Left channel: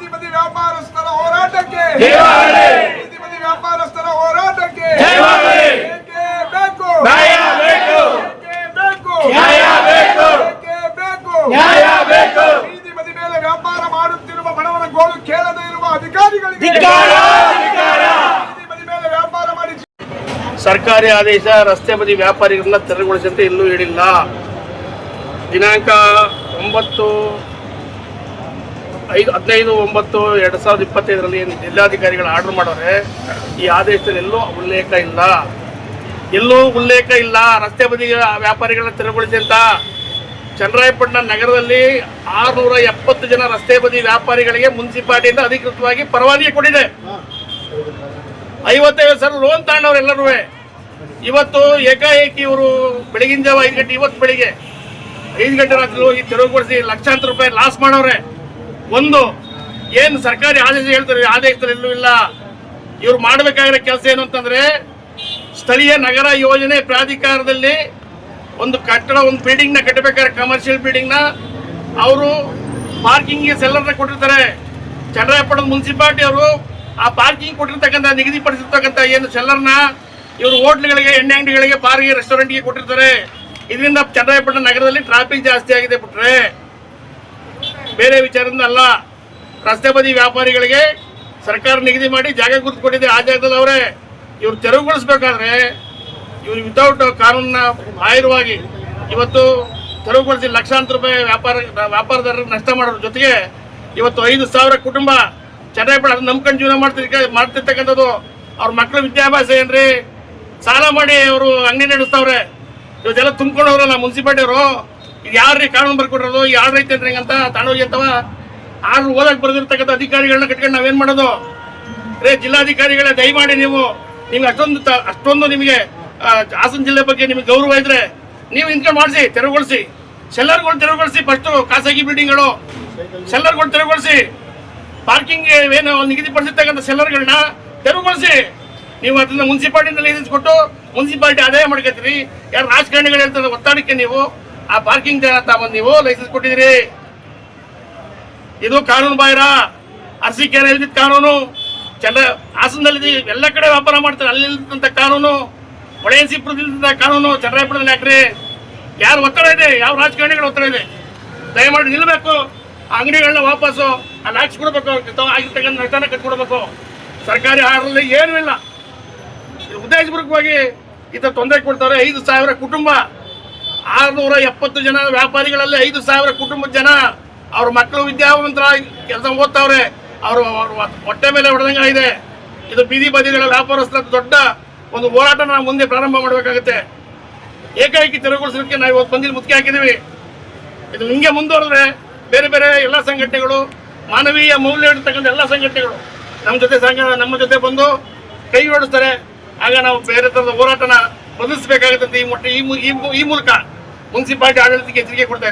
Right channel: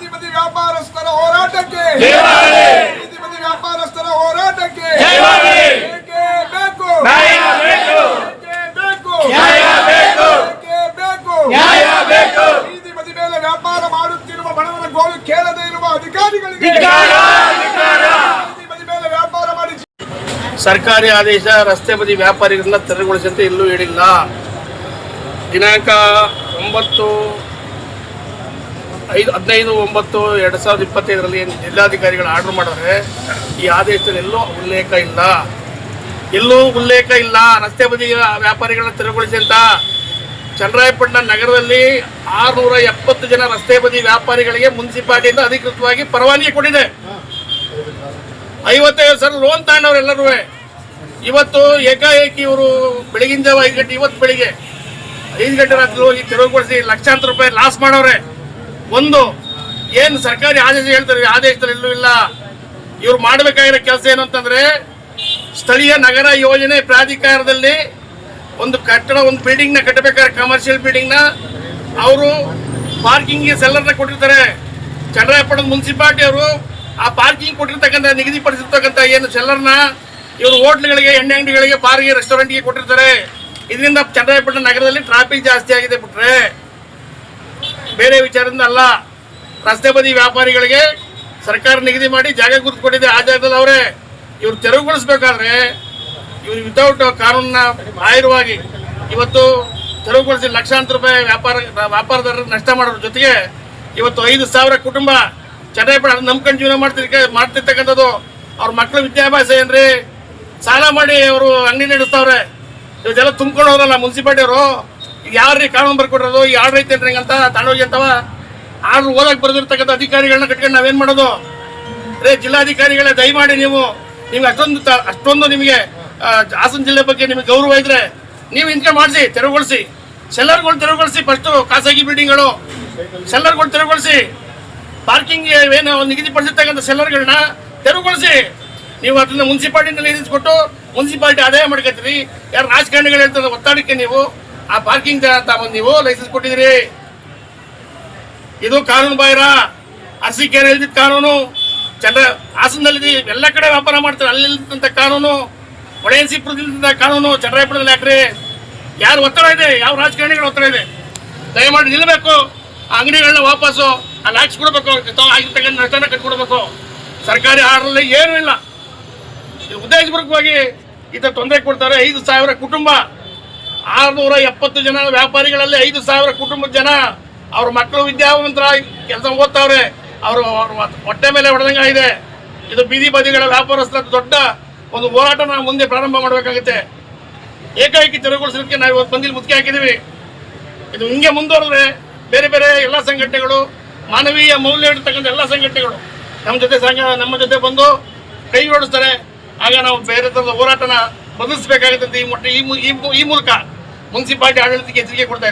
ಬೀದಿ ವ್ಯಾಪಾರಸ್ಥರ ಹೋರಾಟಕ್ಕೆ. ಬೀದಿ ವ್ಯಾಪಾರಸ್ಥರ ಹೋರಾಟಕ್ಕೆ. ಜಯವಾಗಲಿ ಬೇಕೇ ಬೇಕು? ನ್ಯಾಯ ಬೇಕು. ಬೇಕೇ ಬೇಕು? ನ್ಯಾಯ ಬೇಕು. ಬೇಕೇ ಬೇಕು? ನ್ಯಾಯ ಬೇಕು. ಬೀದಿ ಬದಿ ಮೇಲೆ ವ್ಯಾಪಾರ ಮಾಡುತ್ತಿರುವ ಬಡವರ ಗೋಳು ಕೇಳದೇ ಇರುವ ಅಧಿಕಾರಿಗಳಿಗೆ. ಧಿಕ್ಕಾರ, ಧಿಕ್ಕಾರ. ಬೀದಿ ಬದಿ ಮೇಲೆ ವ್ಯಾಪಾರ ಮಾಡಿ ಸರ್ಕಾರಿ ಆದೇಶ ರಸ್ತೆ ಬದಿ ವ್ಯಾಪಾರಿಗಳನ್ನ ತೆರವುಗೊಳಿಸಿ ಇಲ್ಲೂ ಎಲ್ಲೂ ಹೇಳಿಲ್ಲ ದಿನಾಂಕ ಒಂಬತ್ತು ಐದು ಹದಿನೈದು, ಒಂಬತ್ತು, ಎರಡು ಸಾವಿರದ ಇಪ್ಪತ್ತೈದರಲ್ಲಿ ಜಿಲ್ಲಾಧಿಕಾರಿಗಳು ಆರ್ಡರ್ ಮಾಡೋರೆ ಈ ಆದೇಶದಲ್ಲಿ ಎಲ್ಲೂ ಉಲ್ಲೇಖ ಇಲ್ಲ. ಎಲ್ಲೂ ಉಲ್ಲೇಖ ಇಲ್ಲ. ರಸ್ತೆ ಬದಿಯ ವ್ಯಾಪಾರಿಗಳನ್ನ ತೆರವುಗೊಳಿಸಿ ಅಂತ. ಚನ್ನರಾಯಪಟ್ಟಣ ನಗರದಲ್ಲಿ ಆರುನೂರ ಎಪ್ಪತ್ತು ಜನ ರಸ್ತೆ ಬದಿ ವ್ಯಾಪಾರಿಗಳಿಗೆ ಮುನ್ಸಿಪಾಲಿಟಿಯಿಂದ ಅಧಿಕೃತವಾಗಿ ಪರವಾನಗಿ ಕೊಟ್ಟಿದೆ. ಐವತ್ತೈದು ಸಾವಿರ ಲೋನ್ ತಗೊಂಡವ್ರೆಲ್ಲರೂ ಇವತ್ತು ಏಕಾಏಕಿ ಇವರು ಬೆಳಗಿನ ಜಾವ ಐದು ಗಂಟೆ, ಇವತ್ತು ಬೆಳಿಗ್ಗೆ ಐದು ಗಂಟೆ ರಾತ್ರಿ ಹೋಗಿ ತೆರವುಗೊಳಿಸಿ ಲಕ್ಷಾಂತರ ರೂಪಾಯಿ ಲಾಸ್ ಮಾಡವ್ರೆ ಒಂದು ಏನು ಸರ್ಕಾರಿ ಆದೇಶ ಹೇಳ್ತಾರೆ ಆದೇಶದಲ್ಲಿ ಇಲ್ಲ ಇವ್ರು ಮಾಡಬೇಕಾಗಿರೋ ಕೆಲಸ ಏನು ಅಂತಂದ್ರೆ, ಸ್ಥಳೀಯ ನಗರ ಯೋಜನೆ ಪ್ರಾಧಿಕಾರದಲ್ಲಿ ಒಂದು ಕಟ್ಟಡ, ಒಂದು ಬಿಲ್ಡಿಂಗ್ನ ಕಟ್ಟಬೇಕಾದ್ರೆ ಕಮರ್ಷಿಯಲ್ ಬಿಲ್ಡಿಂಗ್ನ ಅವರು ಪಾರ್ಕಿಂಗ್ಗೆ ಸೆಲ್ಲರ್ನ ಕೊಟ್ಟಿರ್ತಾರೆ. ಚಂದ್ರಾಯಪಟ್ಟಣ ಮುನ್ಸಿಪಾಲ್ಟಿ ಅವರು ಆ ಪಾರ್ಕಿಂಗ್ ಕೊಟ್ಟಿರ್ತಕ್ಕಂಥ, ನಿಗದಿಪಡಿಸಿರ್ತಕ್ಕಂಥ ಏನು ಸೆಲ್ಲರ್ನ ಇವರು ಹೋಟ್ಲ್ಗಳಿಗೆ, ಎಣ್ಣೆ ಅಂಗಡಿಗಳಿಗೆ ಪಾರ್ಕಿಂಗ್ ರೆಸ್ಟೋರೆಂಟ್ಗೆ ಕೊಟ್ಟಿರ್ತಾರೆ. ಇದರಿಂದ ಚಂದ್ರಾಯಪಟ್ಟಣ ನಗರದಲ್ಲಿ ಟ್ರಾಫಿಕ್ ಜಾಸ್ತಿ ಆಗಿದೆ ಬಿಟ್ರೆ. ಬೇರೆ ವಿಚಾರದಿಂದ ಅಲ್ಲ. ರಸ್ತೆ ಬದಿ ವ್ಯಾಪಾರಿಗಳಿಗೆ ಸರ್ಕಾರ ನಿಗದಿ ಮಾಡಿ ಜಾಗ ಕೊಟ್ಟಿದೆ ಆ ಜಾಗದಲ್ಲಿ ಅವರೇ ಇವ್ರು ತೆರವುಗೊಳಿಸ್ಬೇಕಾದ್ರೆ ಇವ್ರು ವಿತೌಟ್ ಕಾನೂನಿನ ಬಾಹಿರವಾಗಿ ಇವತ್ತು ತೆರವುಗೊಳಿಸಿ ಲಕ್ಷಾಂತರ ರೂಪಾಯಿ ವ್ಯಾಪಾರ, ವ್ಯಾಪಾರದಾರರು ನಷ್ಟ ಮಾಡೋದ್ರ ಜೊತೆಗೆ ಇವತ್ತು ಐದು ಸಾವಿರ ಕುಟುಂಬ ಚೆನ್ನಾಗಿ ನಂಬ್ಕೊಂಡು ಜೀವನ ಮಾಡ್ತಿರ್ಕ ಮಾಡ್ತಿರ್ತಕ್ಕಂಥದ್ದು ಅವ್ರ ಮಕ್ಕಳ ವಿದ್ಯಾಭ್ಯಾಸ ಏನ್ರಿ? ಸಾಲ ಮಾಡಿ ಅವರು ಅಂಗಡಿ ನಡೆಸ್ತಾವ್ರೆ. ಇವತ್ತೆಲ್ಲ ತುಂಬ್ಕೊಂಡು ಮುನ್ಸಿಪಾಲಿಟಿ ಅವರು ಯಾರ್ರಿ ಕಾನೂನು ಈ ಆರ್ಡರ್ ಏನ್ರಿ ಅಂತ ತಗೊಂಡೋಗಿ ಅಂತವ? ಆರು ಓದಕ್ ಬರ್ದಿರ್ತಕ್ಕಂಥ ಅಧಿಕಾರಿಗಳನ್ನ ಕಟ್ಕೊಂಡು ನಾವೇನ್ ಮಾಡೋದು? ರೇ, ಜಿಲ್ಲಾಧಿಕಾರಿಗಳೇ, ದಯಮಾಡಿ ನೀವು ನಿಮ್ಗೆ ಅಷ್ಟೊಂದು ಅಷ್ಟೊಂದು ನಿಮಗೆ ಹಾಸನ ಜಿಲ್ಲೆ ಬಗ್ಗೆ ನಿಮಗೆ ಗೌರವ ಇದ್ರೆ ನೀವು ಇಂಟ್ಕೆ ಮಾಡಿಸಿ, ತೆರವುಗೊಳಿಸಿ. ಸೆಲ್ಲರ್ಗಳು ತೆರವುಗೊಳಿಸಿ ಫಸ್ಟು ಖಾಸಗಿ ಬಿಲ್ಡಿಂಗ್ಗಳು. ಸೆಲ್ಲರ್ಗಳು ತೆರವುಗೊಳಿಸಿ. ಪಾರ್ಕಿಂಗ್ ಏನು ನಿಗದಿಪಡಿಸಿರ್ತಕ್ಕಂಥ ಸೆಲ್ಲರ್ಗಳನ್ನ ತೆರವುಗೊಳಿಸಿ. ನೀವು ಅದನ್ನ ಮುನ್ಸಿಪಾಲ್ಟಿನಲ್ಲಿ ನಿಗದಿಸ್ಕೊಟ್ಟು ಮುನ್ಸಿಪಾಲ್ಟಿ ಆದಾಯ ಮಾಡ್ಕೊತೀರಿ ಯಾರು ರಾಜಕಾರಣಿಗಳು ಹೇಳ್ತಾರೆ, ಒತ್ತಾಡಕ್ಕೆ ನೀವು. ಆ ಪಾರ್ಕಿಂಗ್ ತಗೊಂಡ್ ನೀವು ಲೈಸೆನ್ಸ್ ಕೊಟ್ಟಿದ್ದೀರಿ. ಇದು ಕಾನೂನು ಬಾಹಿರ. ಅರಸಿಕೆರೆ ಇಲ್ದಿದ್ದ ಕಾನೂನು. ಚಂದ್ರ ಹಾಸನದಲ್ಲಿ ಎಲ್ಲ ಕಡೆ ವ್ಯಾಪಾರ ಮಾಡ್ತಾರೆ. ಅಲ್ಲಿ ಇಲ್ದಂತ ಕಾನೂನು. ಒಡೆಯನ್ಸಿಪುರದಿಂದ ಕಾನೂನು. ಚಂದ್ರಾಯಪುರದಲ್ಲಿ ಹಾಕ್ರಿ ಯಾರು ಒತ್ತಡ ಇದೆ? ಯಾವ ರಾಜಕಾರಣಿಗಳ ಒತ್ತಡ ಇದೆ? ದಯಮಾಡಿ ನಿಲ್ಲಬೇಕು ಆ ಅಂಗಡಿಗಳನ್ನ ವಾಪಸ್ಸು. ಅಲ್ಲಿ ಹಾಕ್ಸ್ಕೊಡ್ಬೇಕು ಆಗಿರ್ತಕ್ಕಂಥ ನಷ್ಟನ ಕಟ್ಕೊಡ್ಬೇಕು. ಸರ್ಕಾರಿ ಆಹಾರದಲ್ಲಿ ಏನೂ ಇಲ್ಲ. ಉದ್ದೇಶಪೂರ್ವಕವಾಗಿ ಈ ತೊಂದರೆ ಕೊಡ್ತಾರೆ. ಐದು ಸಾವಿರ ಕುಟುಂಬ. ಆರುನೂರ ಎಪ್ಪತ್ತು ಜನ ವ್ಯಾಪಾರಿಗಳಲ್ಲಿ ಐದು ಸಾವಿರ ಕುಟುಂಬದ ಜನ. ಅವ್ರ ಮಕ್ಕಳು ವಿದ್ಯಾವಂತರ ಕೆಲಸ ಓದ್ತಾವ್ರೆ. ಅವರು ಹೊಟ್ಟೆ ಮೇಲೆ ಹೊಡೆದಂಗೆ ಇದೆ ಇದು ಬೀದಿ ಬದಿಗಳ ವ್ಯಾಪಾರಸ್ಥರ ದೊಡ್ಡ ಒಂದು ಹೋರಾಟ ನಾವು ಮುಂದೆ ಪ್ರಾರಂಭ ಮಾಡಬೇಕಾಗುತ್ತೆ. ಏಕಾಏಕಿ ತೆರವುಗೊಳಿಸೋದಕ್ಕೆ ನಾವು ಇವತ್ತು ಬಂದಿಲ್ಲಿ ಮುತ್ತಿಗೆ ಹಾಕಿದ್ದೀವಿ. ಇದು ಹಿಂಗೆ ಮುಂದುವರೆದ್ರೆ ಬೇರೆ ಬೇರೆ ಎಲ್ಲ ಸಂಘಟನೆಗಳು, ಮಾನವೀಯ ಮೌಲ್ಯ ಇರ್ತಕ್ಕಂಥ ಎಲ್ಲ ಸಂಘಟನೆಗಳು ನಮ್ಮ ಜೊತೆ ಸಂಘ ನಮ್ಮ ಜೊತೆ ಬಂದು ಕೈ ಓಡಿಸ್ತಾರೆ. ಆಗ ನಾವು ಬೇರೆ ಥರದ ಹೋರಾಟನ ಬದಲಿಸಬೇಕಾಗುತ್ತೆ ಅಂತ ಈ ಮೊಟ್ಟ ಈ ಮೂಲಕ ಮುನ್ಸಿಪಾಲಿಟಿ ಆಡಳಿತಕ್ಕೆ ಎಚ್ಚರಿಕೆ ಕೊಡ್ತಾ